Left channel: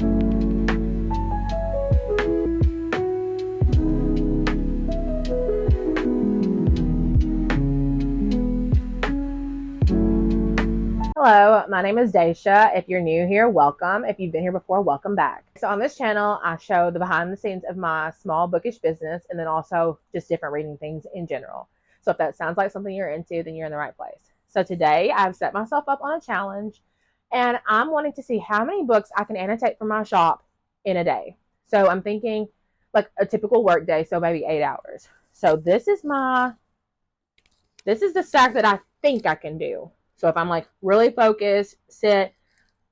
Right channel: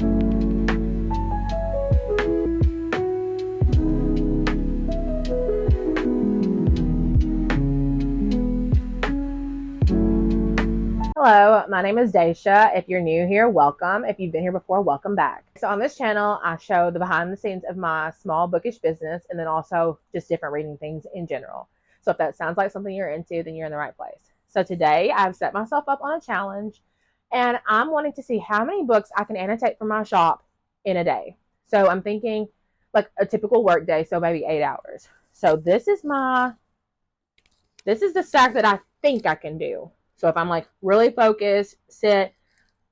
Hello, my name is Desha. If you're new here, welcome. If you've been here before, welcome back. So on this channel, I show the behind the scenes of my small bookish business and then also just different reading things in general. So if that sounds like something you're into, then you're in the right place. So today I've set myself up on a challenge and I'm wanting to see how many books I can annotate from my shop in a day. So I'm thinking like a typical work day, so maybe 8 hours. So this is the stack that I think I can do. So if I'm like really focused, sit,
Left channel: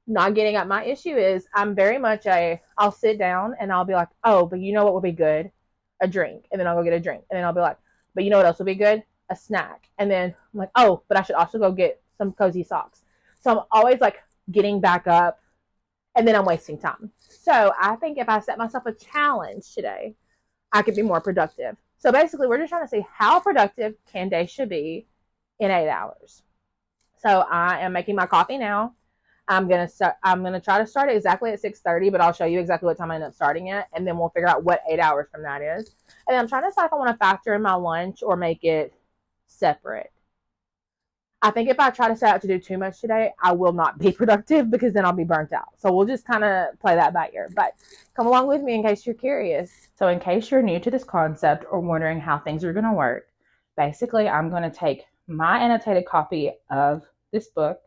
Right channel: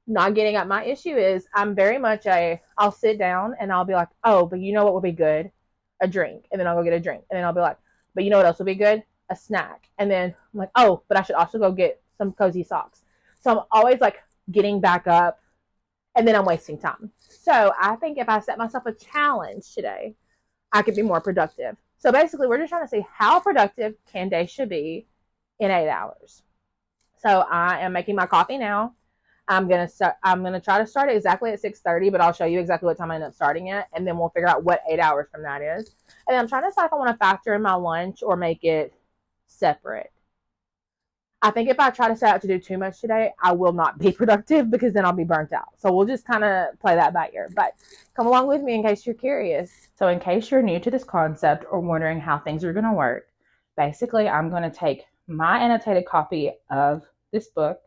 not getting up, my issue is I'm very much I'll sit down and I'll be like, oh, but you know what would be good? A drink. And then I'll go get a drink. And then I'll be like, but you know what else would be good? A snack. And then I'm like, oh, but I should also go get some cozy socks. So I'm always like getting back up and then I'm wasting time. So I think if I set myself a challenge today, I could be more productive. So basically, we're just trying to see how productive can Desh be in 8 hours. So I am making my coffee now. I'm gonna try to start it exactly at 6:30, but I'll show you exactly what time I end up starting at, and then we'll figure out what 8 hours from that is. And then I'm trying to decide if I want to factor in my lunch or make it separate. I think if I try to set out to do too much today, I will not be productive because then I'll be burnt out. So we'll just kind of play that by ear. But come along with me in case you're curious. So in case you're new to this concept or wondering how things are going to work, basically I'm going to take my annotated copy of this book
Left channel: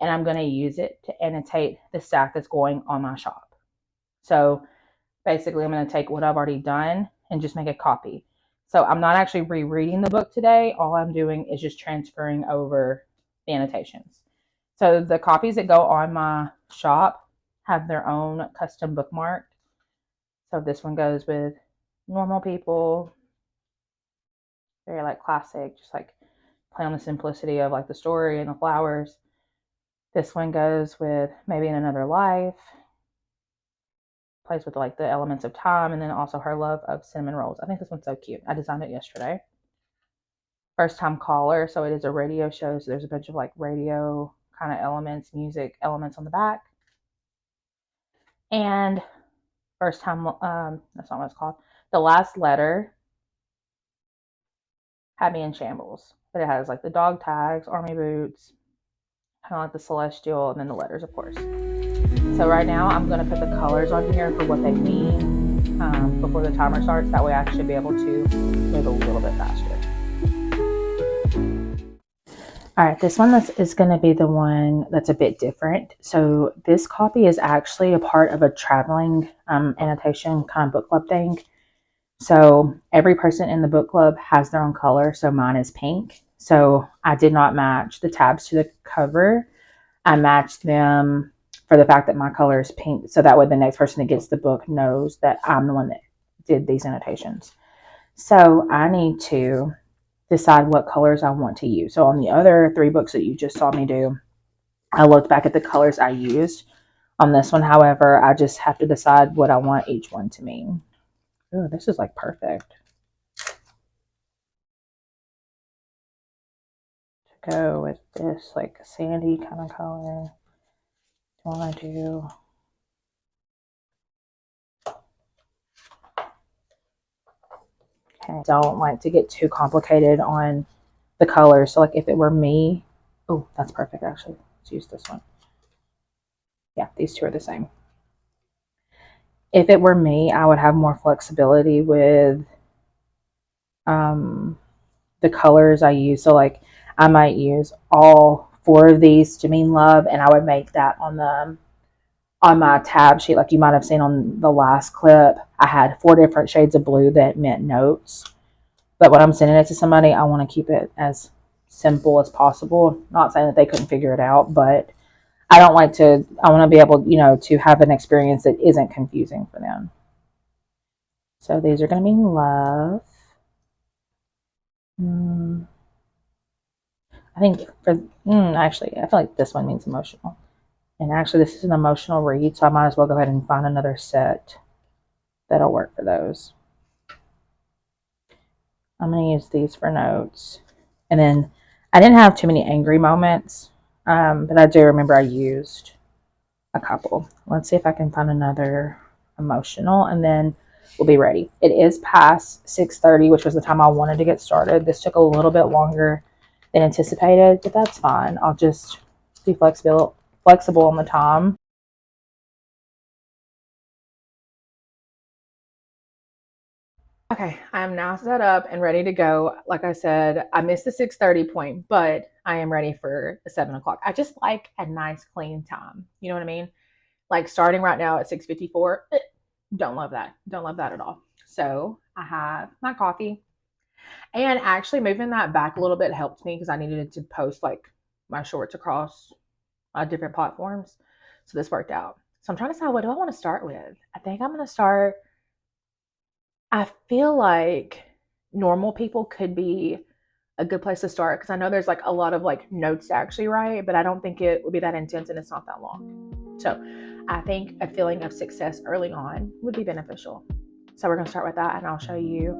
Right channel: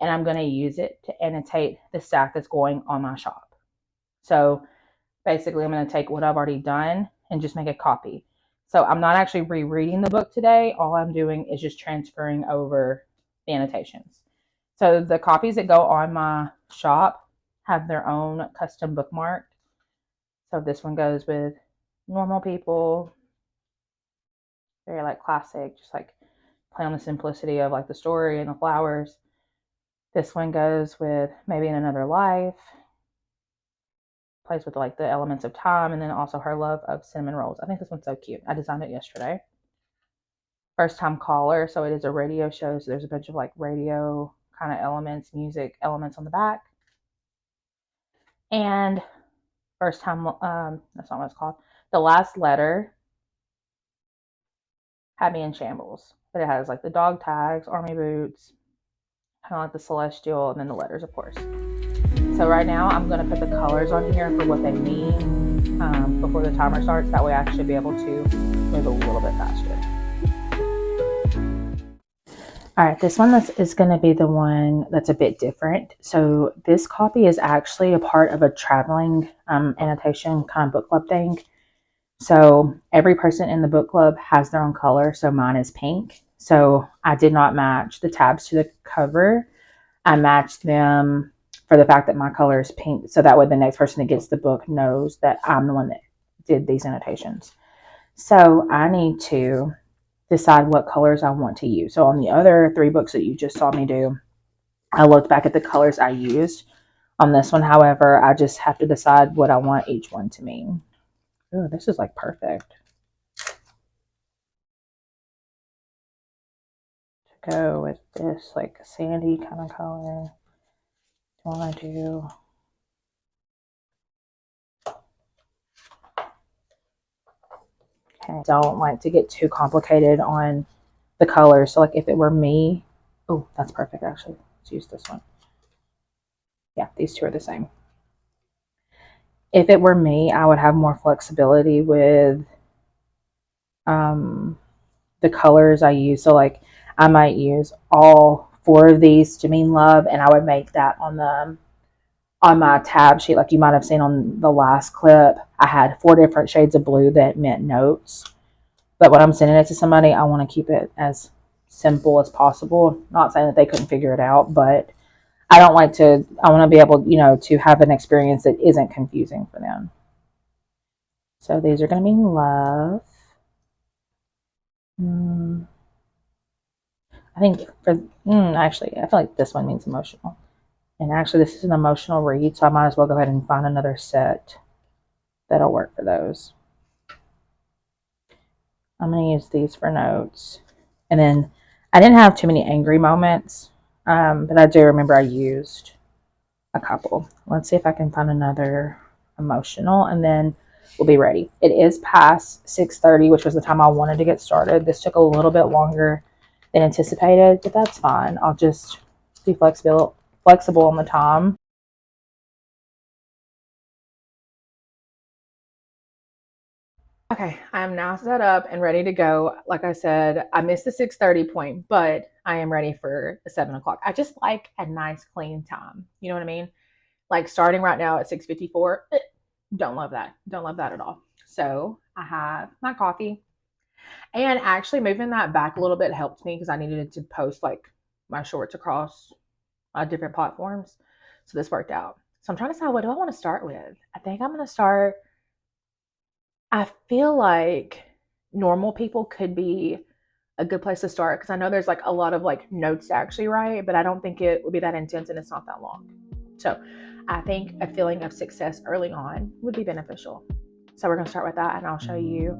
and I'm going to use it to annotate the stack that's going on my shop. So basically I'm going to take what I've already done and just make a copy. So I'm not actually rereading the book today. All I'm doing is just transferring over the annotations. So the copies that go on my shop have their own custom bookmark. So this one goes with normal people, very like classic, just like play on the simplicity of like the story and the flowers. This one goes with maybe in another life, plays with like the elements of time, and then also her love of cinnamon rolls. I think this one's so cute. I designed it yesterday. First time caller, so it is a radio show, so there's a bunch of like radio kind of elements, music elements on the back. And first time, that's not what it's called. The last letter had me in shambles, but it has like the dog tags, army boots, kind of like the celestial, and then the letters, of course. So right now I'm going to put the colors on here for what they mean before the timer starts. That way I should be able to move a little bit faster. All right, this one is going to be the one that's a bit different. So this copy is actually a part of a traveling annotation kind of book club thing. So every person in the book club has their own color. So mine is pink. So I did not match the tabs to the cover. I matched them for the fact that my color is pink. So that way the next person that gets the book knows that I'm the one that did these annotations. So I need to decide what colors I want to use. So on the other 3 books that you just saw me do, I looked back at the colors I used. On this one, however, I just have to decide what I want each one to mean. Oh, this is like perfect. To go with this like sandy kind of color. I want to do okay. Don't like to get too complicated on the colors. So like if it were me, oh, that's perfect actually. Let's use this one. Yeah, these two are the same. If it were me, I would have more flexibility with the colors I use. So like I might use all 4 of these to mean love, and I would make that on my tab sheet. Like you might have seen on the last clip, I had 4 different shades of blue that meant notes. But when I'm sending it to somebody, I want to keep it as simple as possible. Not saying that they couldn't figure it out, but I want to be able, to have an experience that isn't confusing for them. So these are going to mean love. I think actually, I feel like this one means emotional. And actually, this is an emotional read, so I might as well go ahead and find another set that'll work for those. I'm going to use these for notes. And then I didn't have too many angry moments, but I do remember I used a couple. Let's see if I can find another emotional, and then we'll be ready. It is past 6:30, which was the time I wanted to get started. This took a little bit longer than anticipated, but that's fine. I'll just be flexible on the time. Okay, I'm now set up and ready to go. Like I said, I missed the 6:30 point, but I am ready for the 7 o'clock. I just like a nice clean time. You know what I mean? Like starting right now at 6:54. Don't love that. Don't love that at all. So I have my coffee, and actually moving that back a little bit helped me because I needed to post like my shorts across different platforms. So this worked out. So I'm trying to decide, what do I want to start with? I think I'm going to start. I feel like normal people could be a good place to start because I know there's like a lot of like notes to actually write, but I don't think it would be that intense and it's not that long. So I think a feeling of success early on would be beneficial. So we're going to start with that, and I'll show you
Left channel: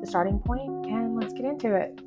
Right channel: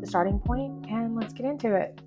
the starting point, and let's get into it.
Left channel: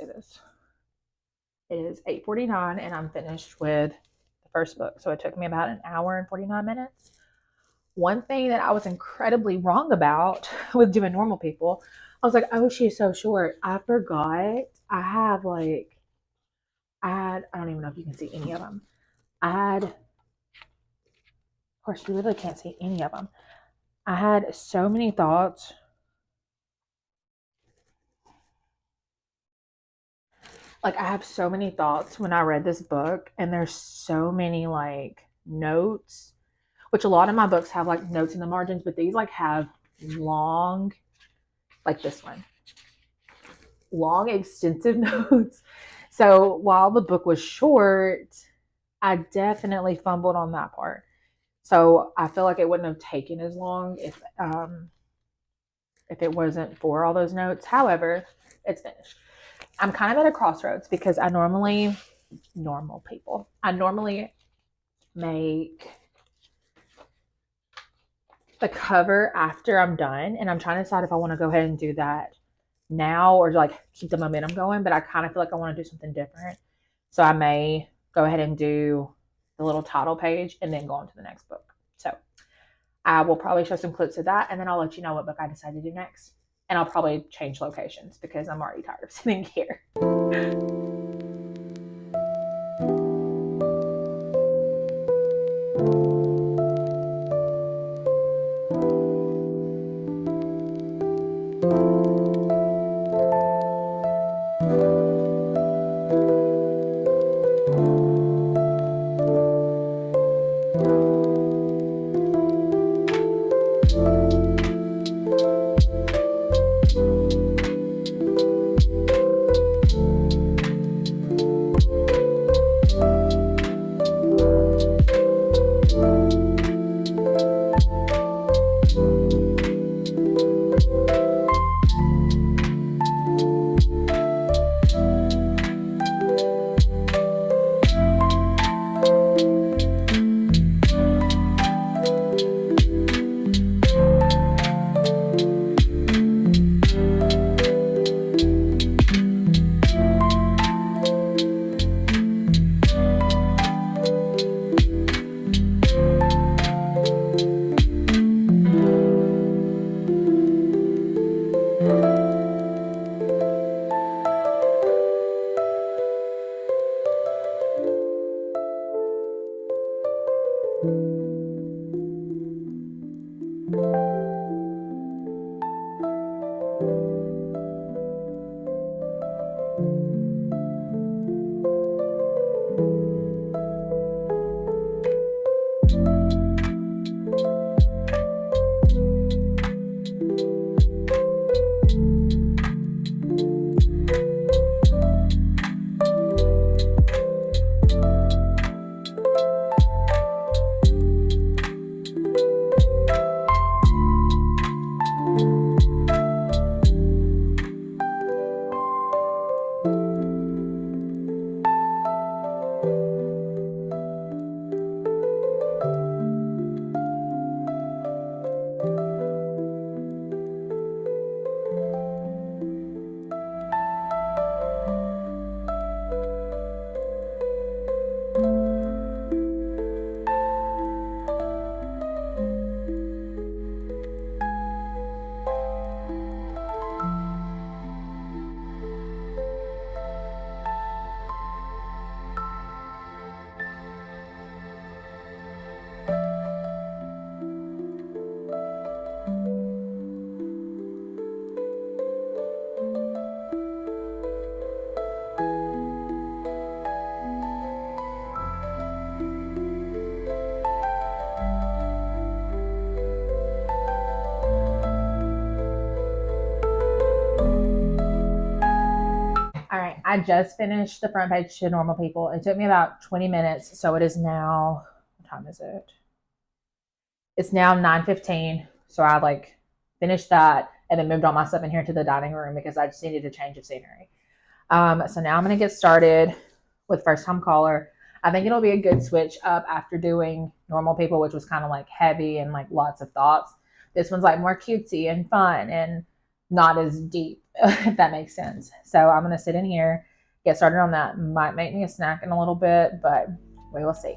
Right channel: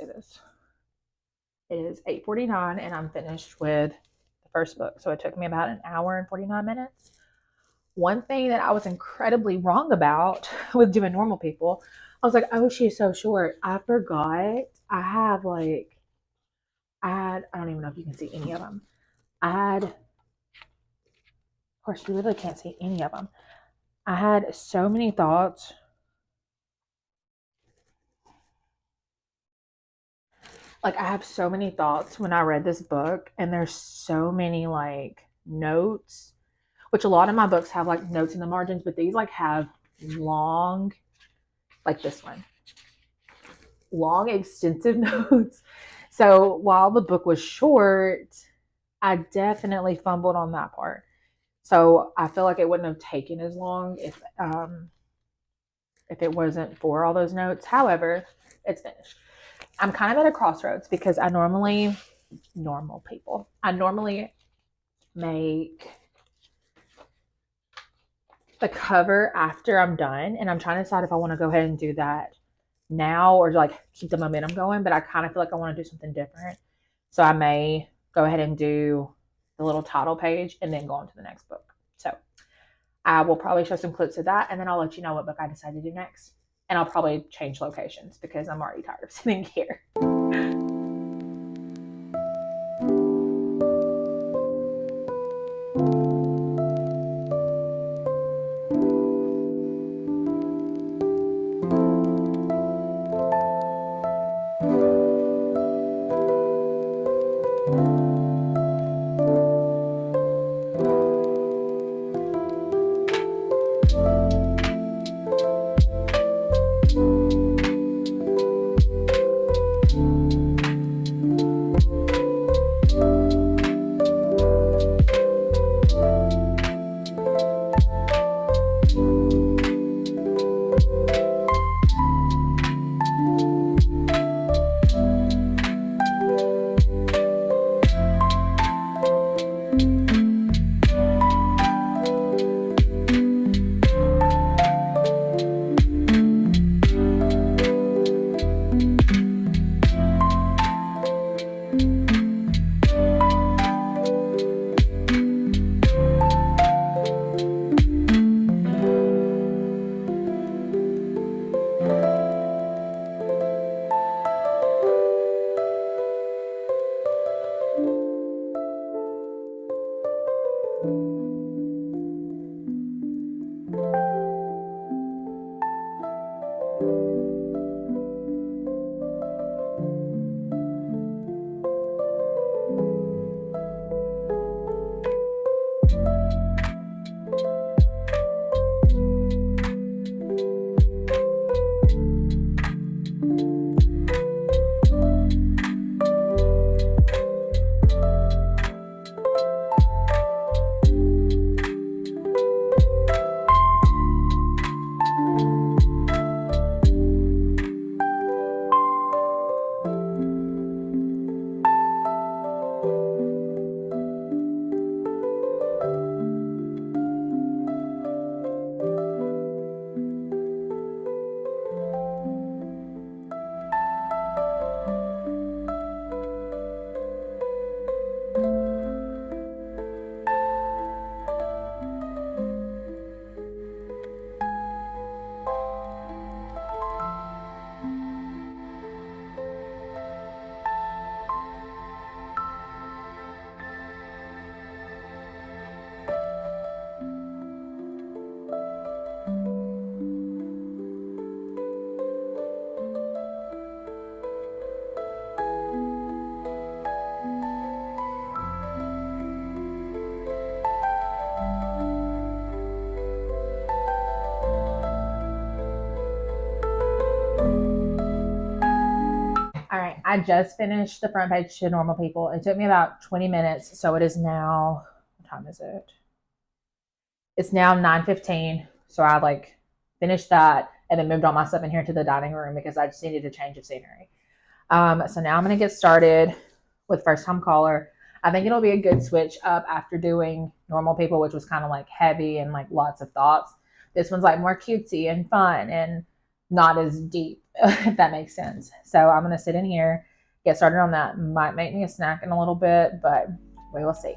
do this. It is 8:49 and I'm finished with the first book. So it took me about an hour and 49 minutes. One thing that I was incredibly wrong about with doing Normal People, I was like, oh, she's so short. I forgot. I don't even know if you can see any of them. Of course, you really can't see any of them. I had so many thoughts. Like, I have so many thoughts when I read this book, and there's so many like notes, which a lot of my books have like notes in the margins, but these like have long, like this one, long, extensive notes. So while the book was short, I definitely fumbled on that part. So I feel like it wouldn't have taken as long if it wasn't for all those notes. However, it's finished. I'm kind of at a crossroads because I normally make the cover after I'm done, and I'm trying to decide if I want to go ahead and do that now or like keep the momentum going, but I kind of feel like I want to do something different. So I may go ahead and do the little title page and then go on to the next book. So I will probably show some clips of that, and then I'll let you know what book I decide to do next. And I'll probably change locations because I'm already tired of sitting here. All right, I just finished the front page to Normal People. It took me about 20 minutes, so it is now, what time is it? It's now 9:15, so I like finished that and then moved all my stuff in here to the dining room because I just needed to change of scenery. So now I'm going to get started with First Time Caller. I think it'll be a good switch up after doing Normal People, which was kind of like heavy and like lots of thoughts. This one's like more cutesy and fun and not as deep if that makes sense. So I'm going to sit in here, get started on that. Might make me a snack in a little bit, but we will see.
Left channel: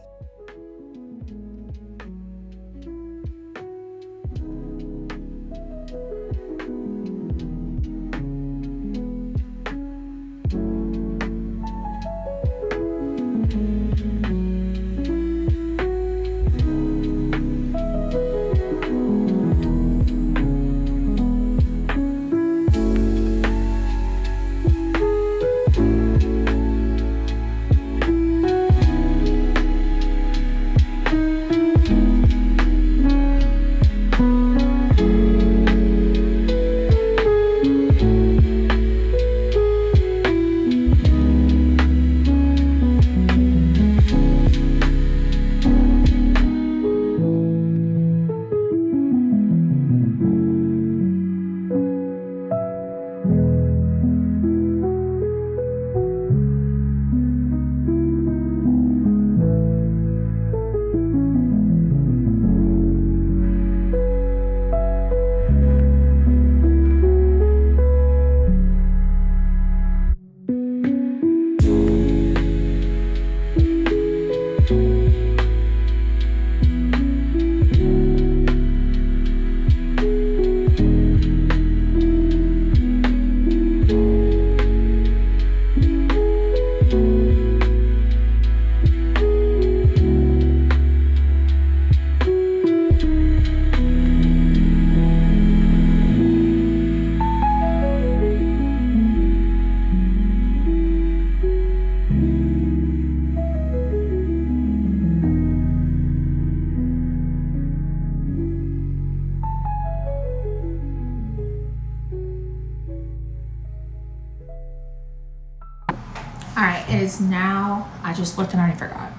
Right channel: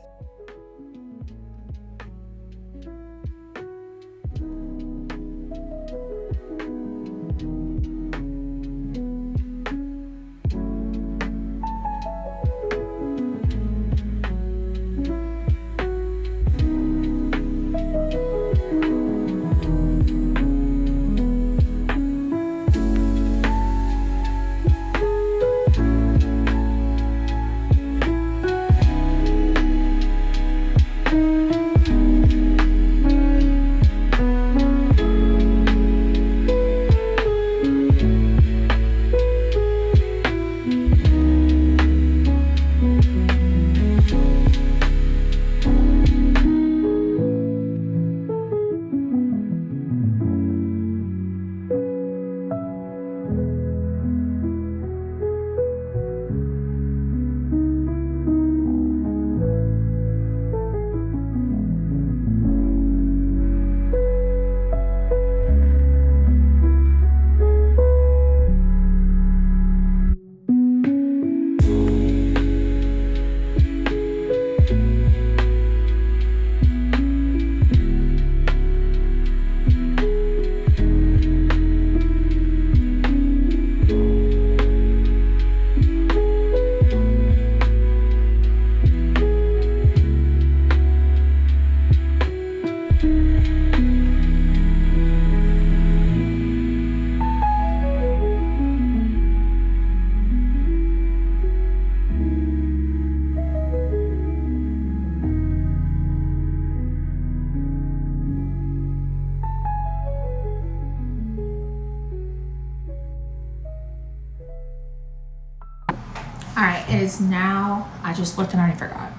All right, it is now, I just looked and I already forgot.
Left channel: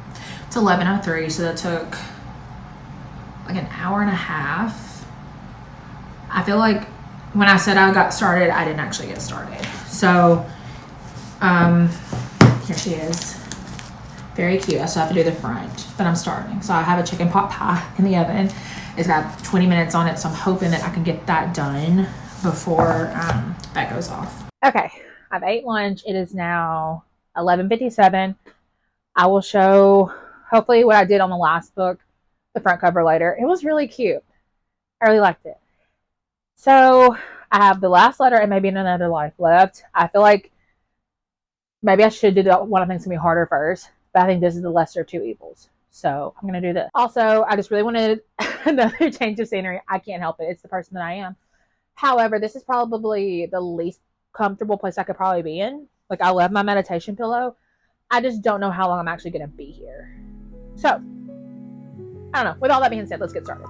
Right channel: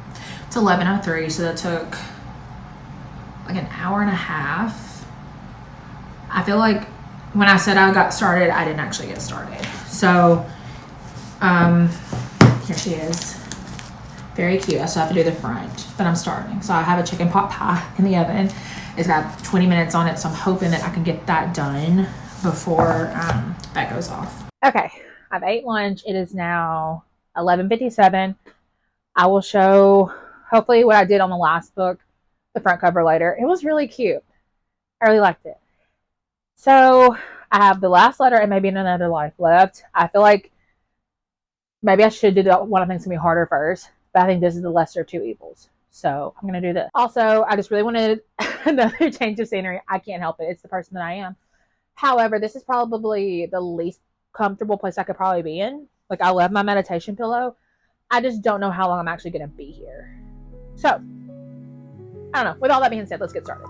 It's 11:03, so that took like an hour and a half. I feel like when I said I got started, I didn't actually get started. So, here she is. Very cute. I still have to do the front, but I'm starting. So I have a chicken pot pie in the oven. It's got 20 minutes on it, so I'm hoping that I can get that done before that goes off. Okay, I've ate lunch. It is now 11:57. I will show hopefully what I did on the last book, the front cover later. It was really cute. I really liked it. So I have the last letter and maybe another life left. I feel like maybe I should do the one I think is going to be harder first, but I think this is the lesser of two evils. So I'm going to do this. Also, I just really wanted another change of scenery. I can't help it. It's the person that I am. However, this is probably the least comfortable place I could probably be in. Like, I love my meditation pillow. I just don't know how long I'm actually going to be here. So, I don't know. With all that being said, let's get started.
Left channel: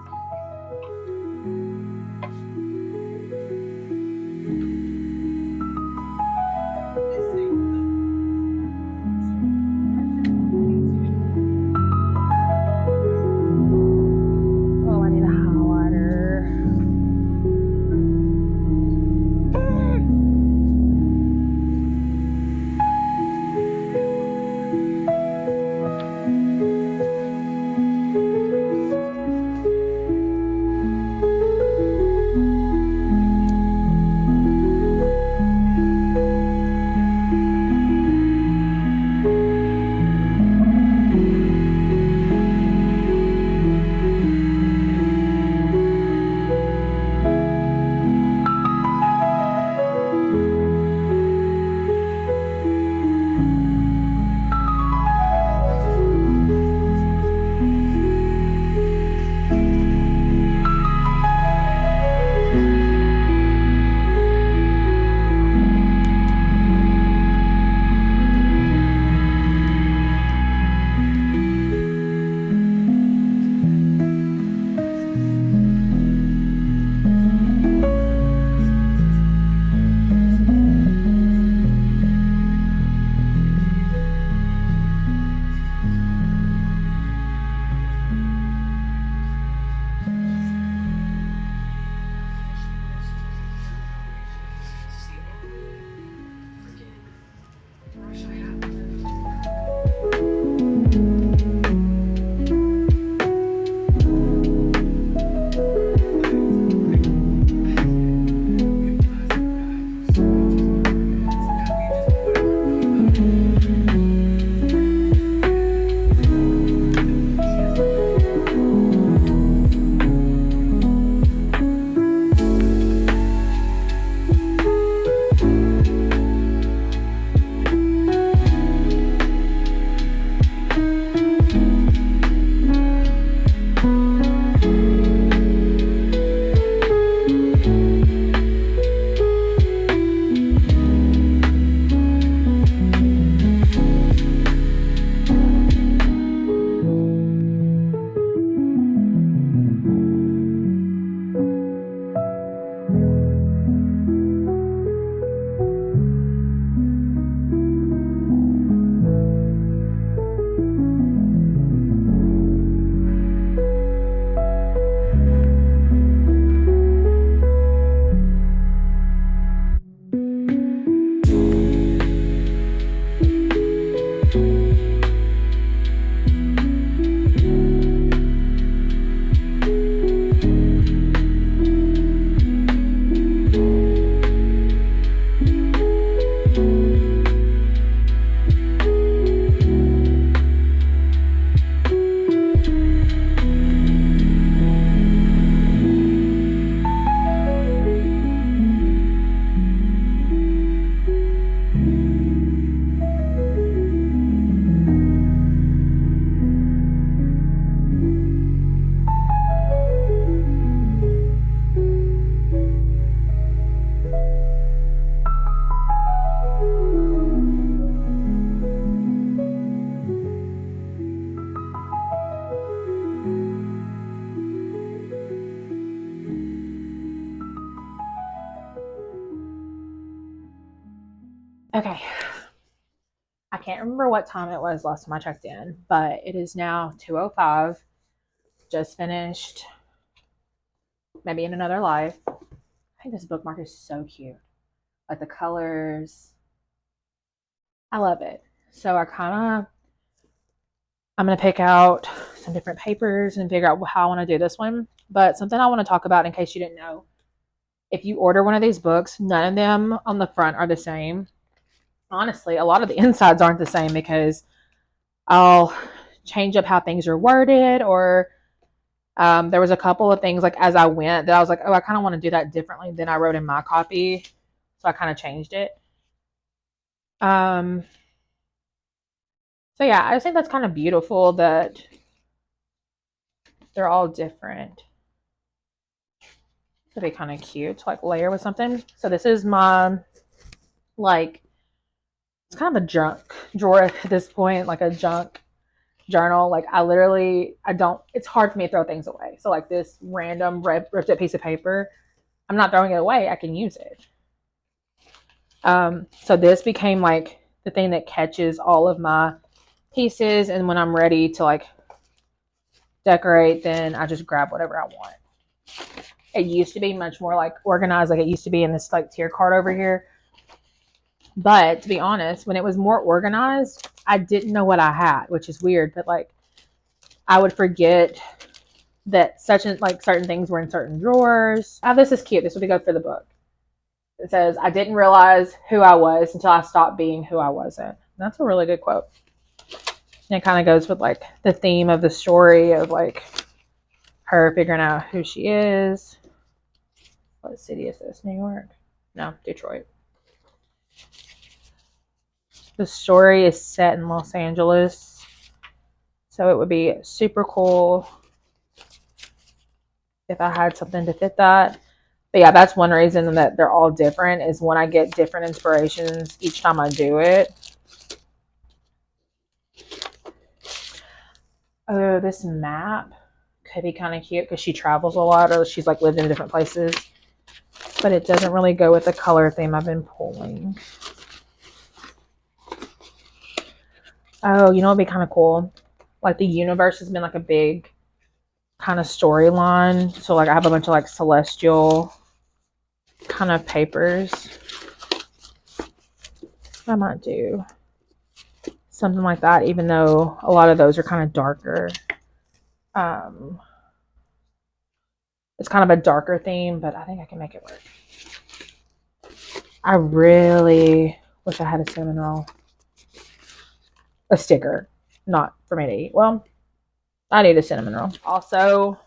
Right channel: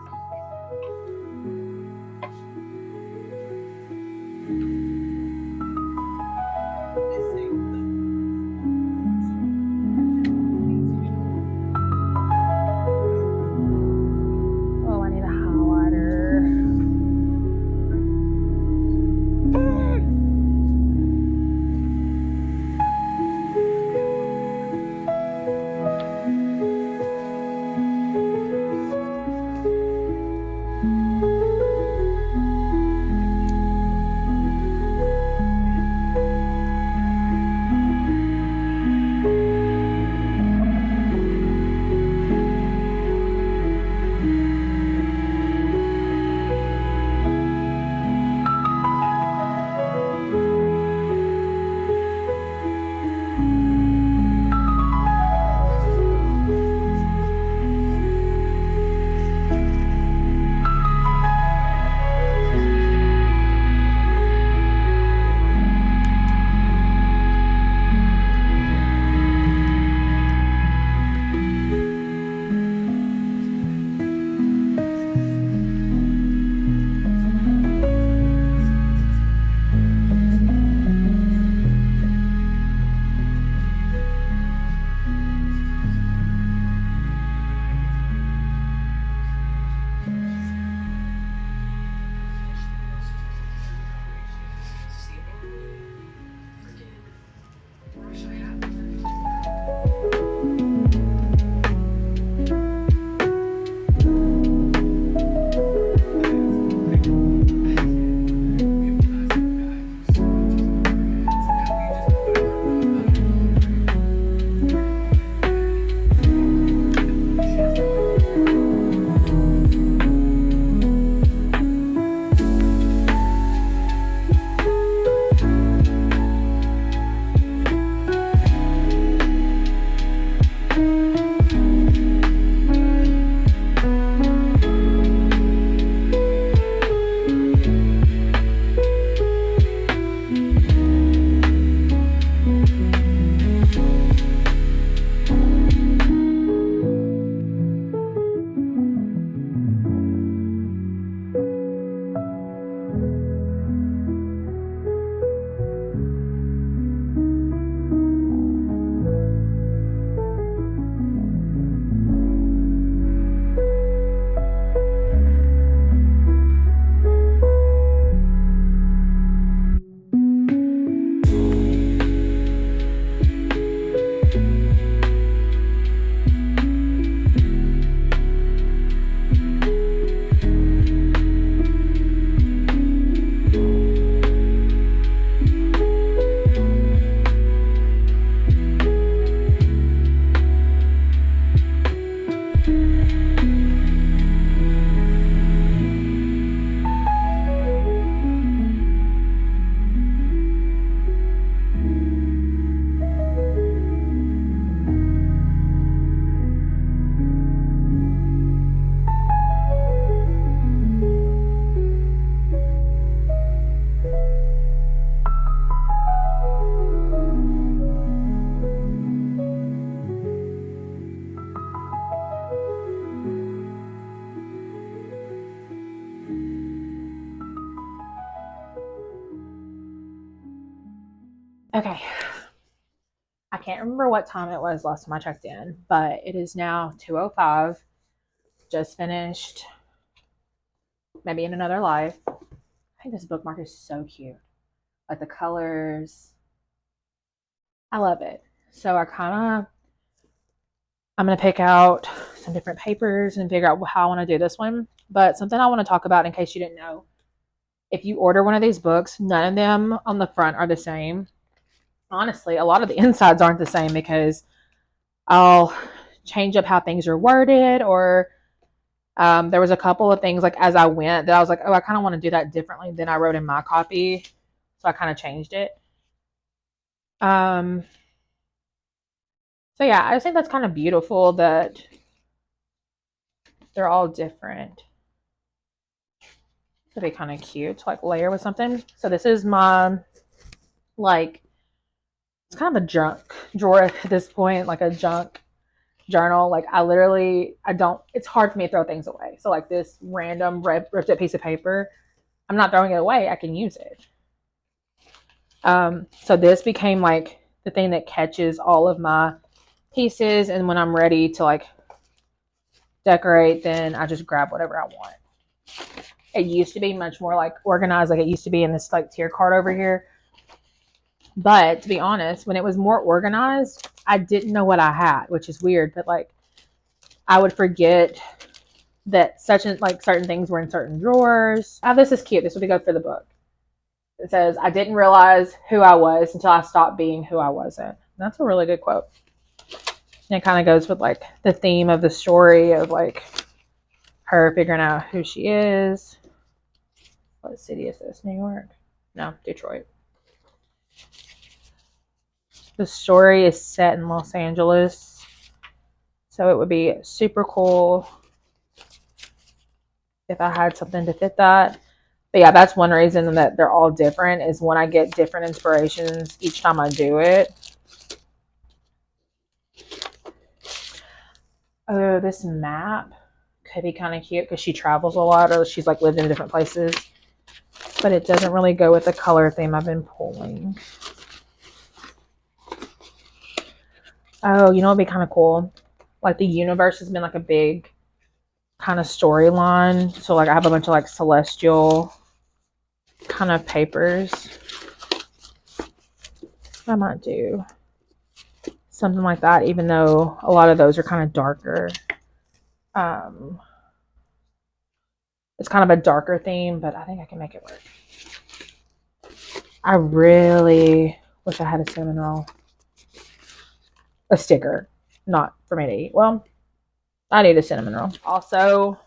Oh, I need a highlighter. Okay. I can't remember what time it was last time I checked in, but it is now 2:05. Just finished Maybe in Another Life. I think this bookmark is so cute. Like the colors. I love it. So I'm going to pick out some different papers and figure out how I want to do this one. But something I want to talk about in case you didn't know. If you order one of these books, none of them on the front are the same. Honestly, a lot of the insides aren't the same because I'll change up how things are worded, or there was a couple of things like as I went that I was like, oh, I kind of want to do that differently than I wrote in my copy. So I kind of changed it. So yeah, I just think that's kind of beautiful that they're all different. So they kind of cute to like layer with something. So this is my, like, it's kind of a junk drawer at this point, like a junk journal. Like it's hard for me to throw things away. So like this random ripped up piece of paper, I'm not throwing it away. I can use it. So this became like the thing that catches all of my pieces. And when I'm ready to like decorate, then I just grab whatever I want. It used to be much more like organized. Like it used to be in this like tier card over here. But to be honest, when it was more organized, I didn't know what I had, which is weird. But like I would forget that certain things were in certain drawers. Oh, this is cute. This would be good for the book. It says, I didn't realize who I was until I stopped being who I wasn't. That's a really good quote. And it kind of goes with like the theme of the story of like her figuring out who she is. What city is this? New York? No, Detroit. The story is set in Los Angeles. So it would be super cool if I had something to fit that. But yeah, that's one reason that they're all different is when I get different inspirations each time I do it. Oh, this map could be kind of cute because she travels a lot or she's like lived in different places. But it doesn't really go with the color theme I've been pulling. Oh, you know what would be kind of cool? Like the universe has been like a big kind of storyline. So like I have a bunch of like celestial kind of papers. I might do something like that, even though a lot of those are kind of darker. It's kind of a darker theme, but I think I can make it work. I really wish I had a cinnamon roll. A sticker, not for me to eat. Well, I need a cinnamon roll. Also,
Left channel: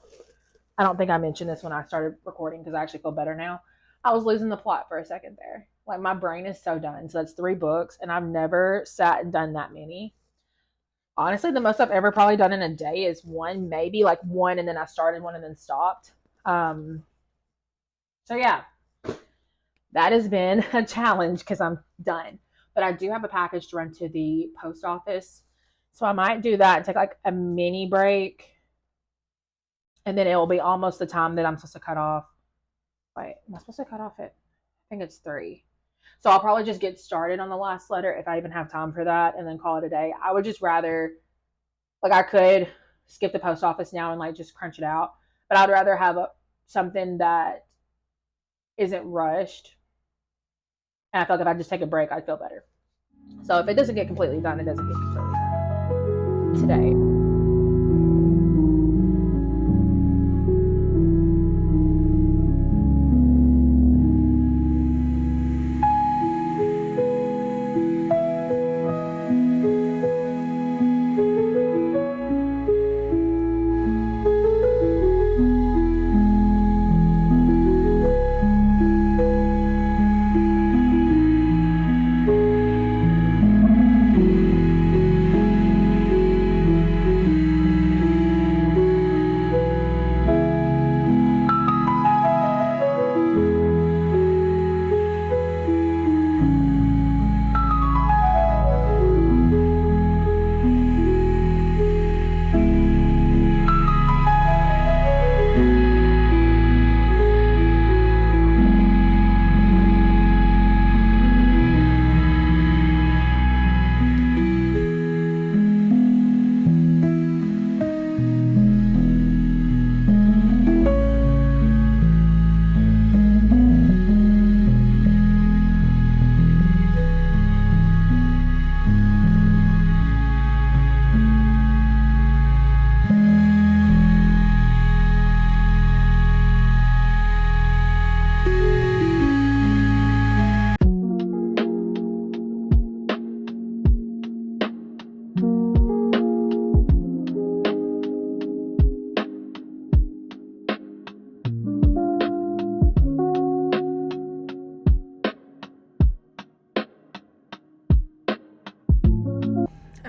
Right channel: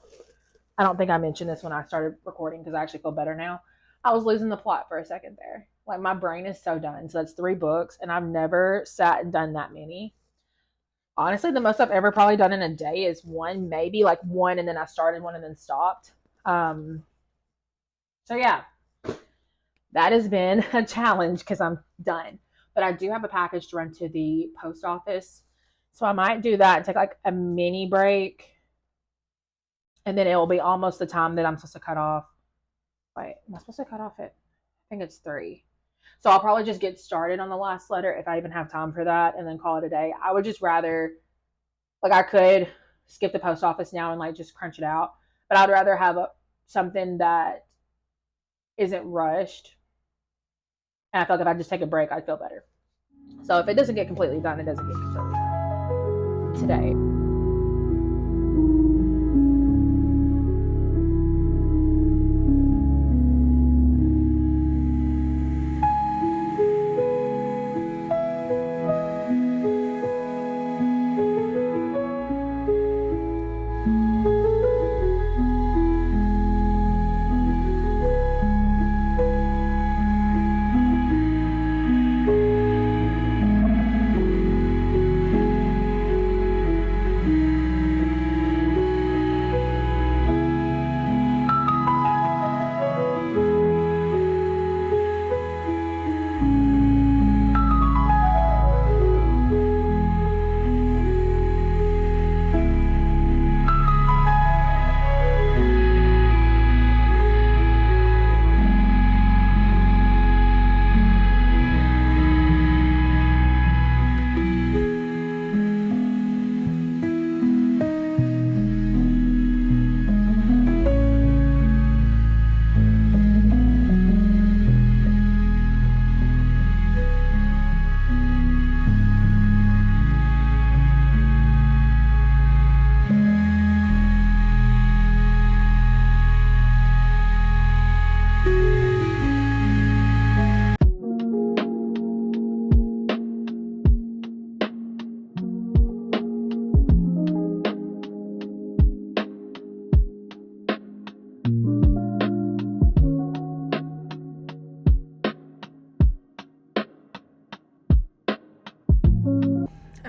I don't think I mentioned this when I started recording because I actually feel better now. I was losing the plot for a second there. Like my brain is so done. So that's 3 books, and I've never sat and done that many. Honestly, the most I've ever probably done in a day is one, maybe like one, and then I started one and then stopped. So yeah, that has been a challenge because I'm done. But I do have a package to run to the post office. So I might do that and take like a mini break. And then it will be almost the time that I'm supposed to cut off. Wait, am I supposed to cut off at? I think it's 3. So I'll probably just get started on the last letter if I even have time for that and then call it a day. I would just rather, like I could skip the post office now and like just crunch it out. But I'd rather have something that isn't rushed. And I feel like if I just take a break, I'd feel better. So if it doesn't get completely done, it doesn't get completely done today.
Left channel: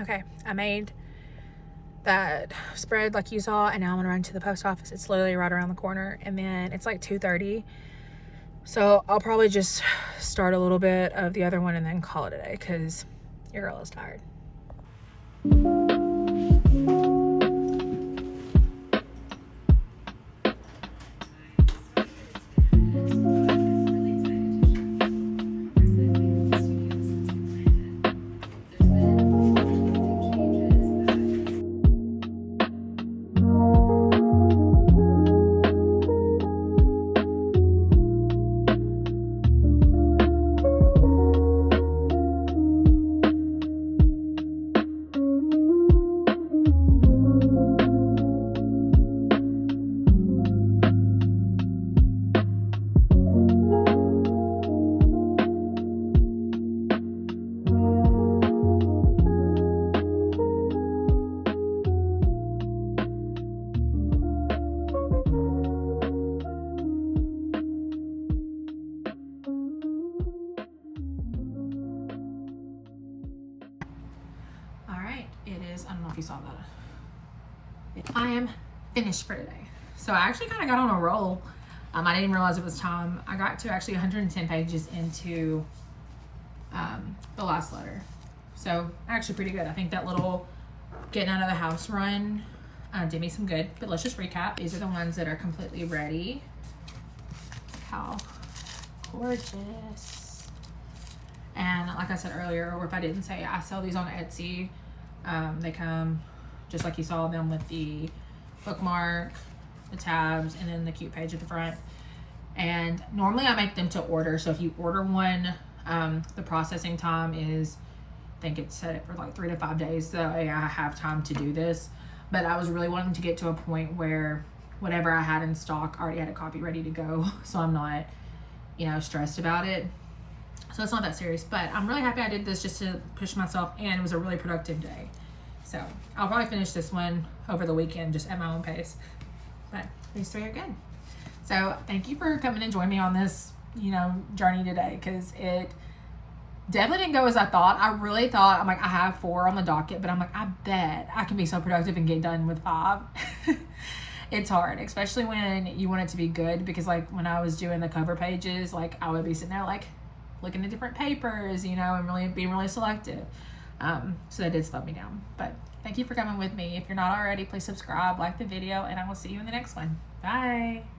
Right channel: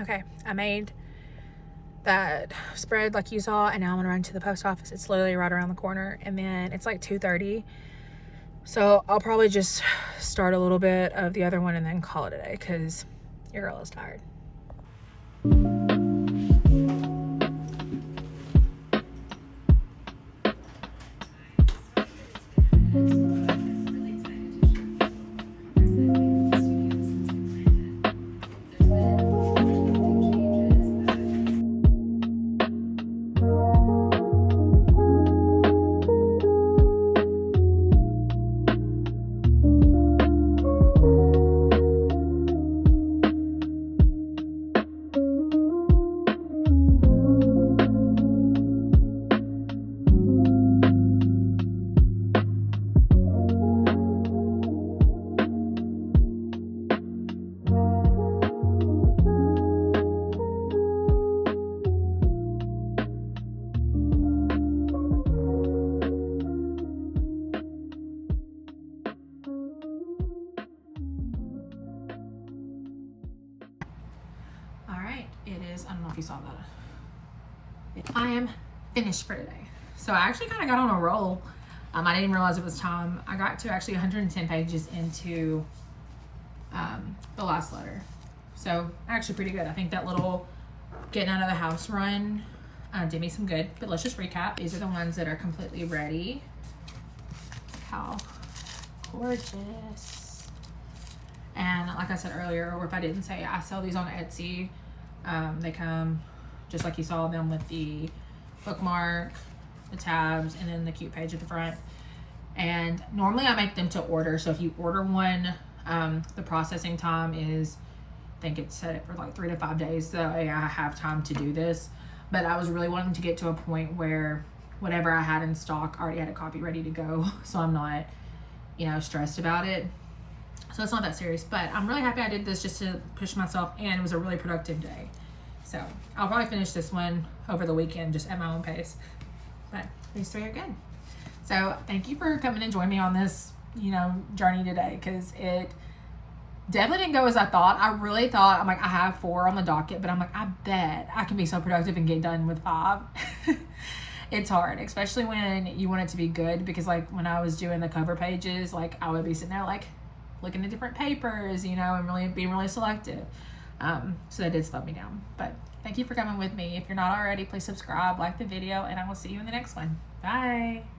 Okay, I made that spread like you saw, and now I'm gonna run to the post office. It's literally right around the corner, and then it's like 2:30. So I'll probably just start a little bit of the other one and then call it a day because your girl is tired. It is, I don't know if you saw that. I am finished for today. So I actually kind of got on a roll. I didn't even realize it was time. I got to actually 110 pages into the last letter. So actually pretty good. I think that little getting out of the house run did me some good. But let's just recap. These are the ones that are completely ready. How gorgeous. And like I said earlier, or if I didn't say, I sell these on Etsy. They come just like you saw them with the bookmark, the tabs, and then the cute page at the front. And normally I make them to order. So if you order one, the processing time is, I think it's set for like 3 to 5 days. So I have time to do this. But I was really wanting to get to a point where whatever I had in stock, I already had a copy ready to go. So I'm not, stressed about it. So it's not that serious, but I'm really happy I did this just to push myself, and it was a really productive day. So I'll probably finish this one over the weekend just at my own pace, but these 3 are good. So thank you for coming and joining me on this, journey today, because it definitely didn't go as I thought. I really thought, I'm like, I have 4 on the docket, but I'm like, I bet I can be so productive and get done with 5. It's hard, especially when you want it to be good, because like when I was doing the cover pages, like I would be sitting there like looking at different papers, and really being really selective. So that did slow me down. But thank you for coming with me. If you're not already, please subscribe, like the video, and I will see you in the next one. Bye.